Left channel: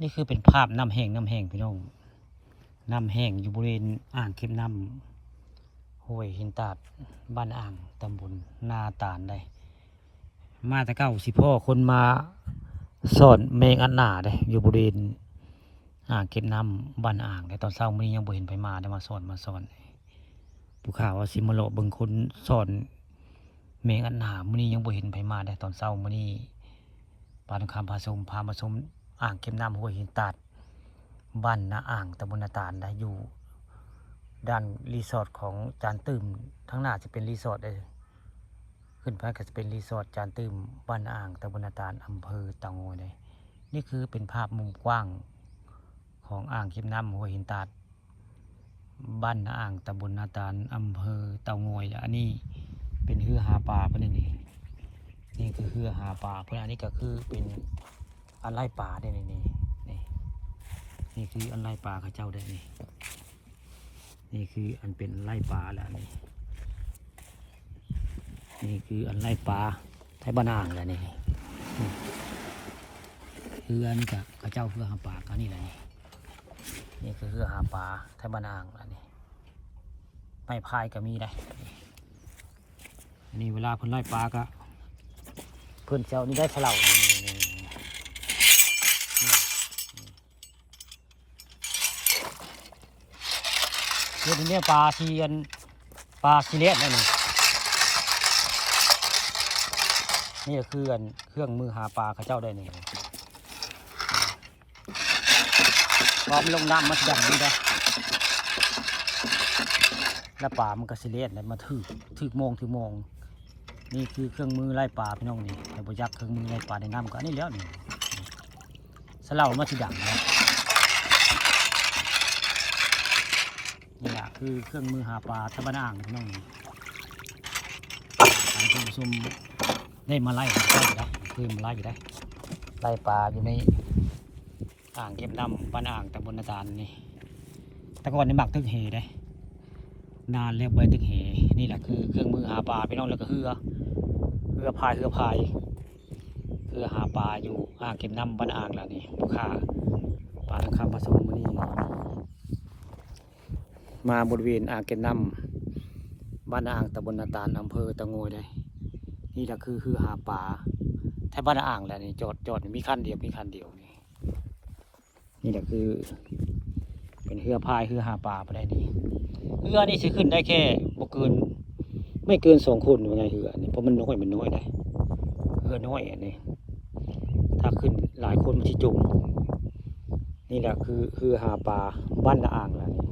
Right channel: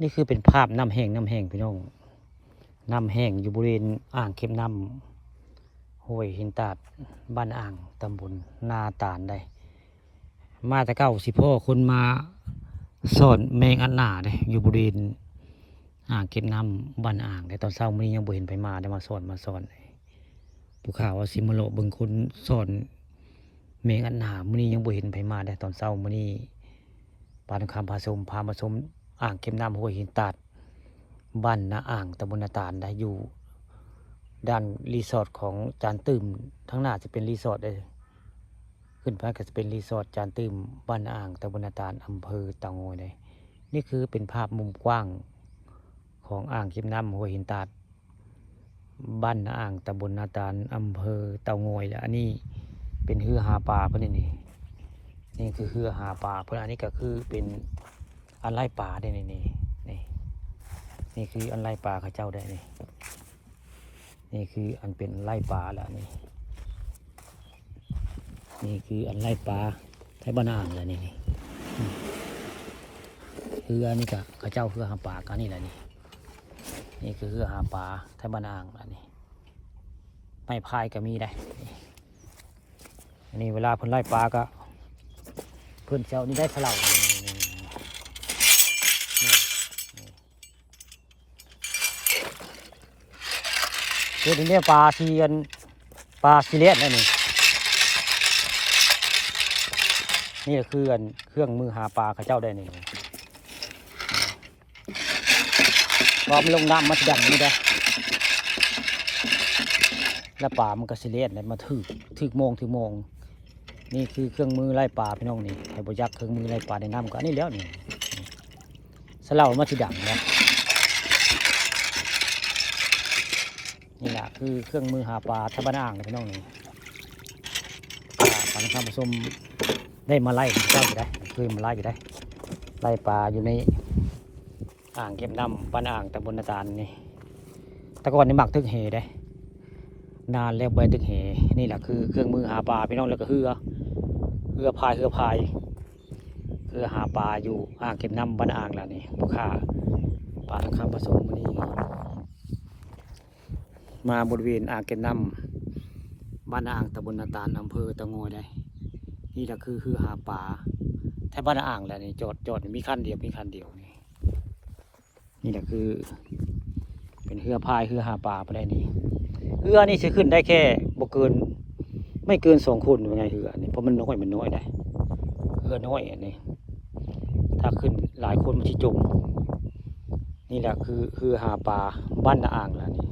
นี่คือเป็นภาพน้ำแห้งพี่น้องน้ำแห้งอยู่บริเวณอ่างเก็บน้ำห้วยหินตาดบ้านอ่างตำบลนาตาลได้มาแต่เก้าสิพ่อคนมาสอนแมงอันหนาได้อยู่บริเวณอ่างเก็บน้ำบ้านอ่างได้ตอนเช้ามื้อนี้ยังบ่เห็นไปมาได้มาสอนผู้ข่าวว่าสิมาเลาะเบิ่งคนสอนแมงอันหนามื้อนี้ยังบ่เห็นไปมาได้ตอนเช้ามื้อนี้ปาทุกคำพามาชมอ่างเก็บน้ำห้วยหินตาดบ้านนาอ่างตำบลนาตาลได้อยู่ด้านรีสอร์ทของจานตื่มทั้งหน้าจะเป็นรีสอร์ทได้ขึ้นไปก็จะเป็นรีสอร์ทจานตื่มบ้านนาอ่างตำบลนาตาลอำเภอเต่างอยเลยนี่คือเป็นภาพมุมกว้างของอ่างเก็บน้ำห้วยหินตาดบ้านนาอ่างตำบลนาตาลอำเภอเต่างอยแล้วอันนี้เป็นเฮือหาปลาเพื่อนนี่คือเฮือหาปลาเพื่อนอันนี้ก็คือเป็นอันไล่ปลาได้นี่คืออันไล่ปลาข้าเจ้าได้นี่คืออันเป็นไล่ปลาแล้วนี่คืออันไล่ปลาไทยบ้านอ่างแล้วคืออันนี้ก็ข้าเจ้าเพื่อหาปลากันนี่แหละนี่คือเพื่อหาปลาไทยบ้านอ่างแล้วไม่พายก็มีได้อันนี้เวลาเพิ่นไล่ปลาก็เพิ่นเจ้านี่ได้เท่าไหร่ตัวนี้ปลาซีอันปลาซีเลียนนี่คืออันเครื่องมือหาปลาข้าเจ้าได้แล้วลงน้ำมัดดังนี่ได้แล้วปลามันก็ซีเลียนแล้วมาถึกโมงนี่คือเครื่องมือไล่ปลาพี่น้องนี่เราประยักเครื่องมือไล่ปลาในน้ำก็นี่แล้วนี่สลามาถึดังนะนี่แหละคือเครื่องมือหาปลาทบ้านอ่างนะพี่น้องนี่ทางท่านผู้ชมได้มาไล่ได้คือมาไล่อยู่ได้ไล่ปลาอยู่ในอ่างเก็บน้ำบ้านอ่างตำบลนาตาลนี่แต่ก่อนนี่หมักทึกเหได้นานแล้วใบทึกเหนี่แหละคือเครื่องมือหาปลาพี่น้องแล้วก็เรือพายคือหาปลาอยู่อ่างเก็บน้ำบ้านอ่างแล้วนี่ผู้ค้าปลาทางข้าวผสมมาบริเวณอ่างเก็บน้ำบ้านอ่างตำบลนาตาลอำเภอเต่างอยได้นี่แหละคือหาปลาแถวบ้านอ่างแหละนี่จอดมีคันเดียวนี่แหละคือเป็นเรือพายหาปลาไปได้นี่เรือนี่จะขึ้นได้แค่ไม่เกิน2 คนยังไงเรือนี่เพราะมันน้อยได้เรือน้อยนี่ถ้าขึ้นหลายคนมันจะจมนี่แหละคือหาปลาบ้านนาอ่างแล้วนี่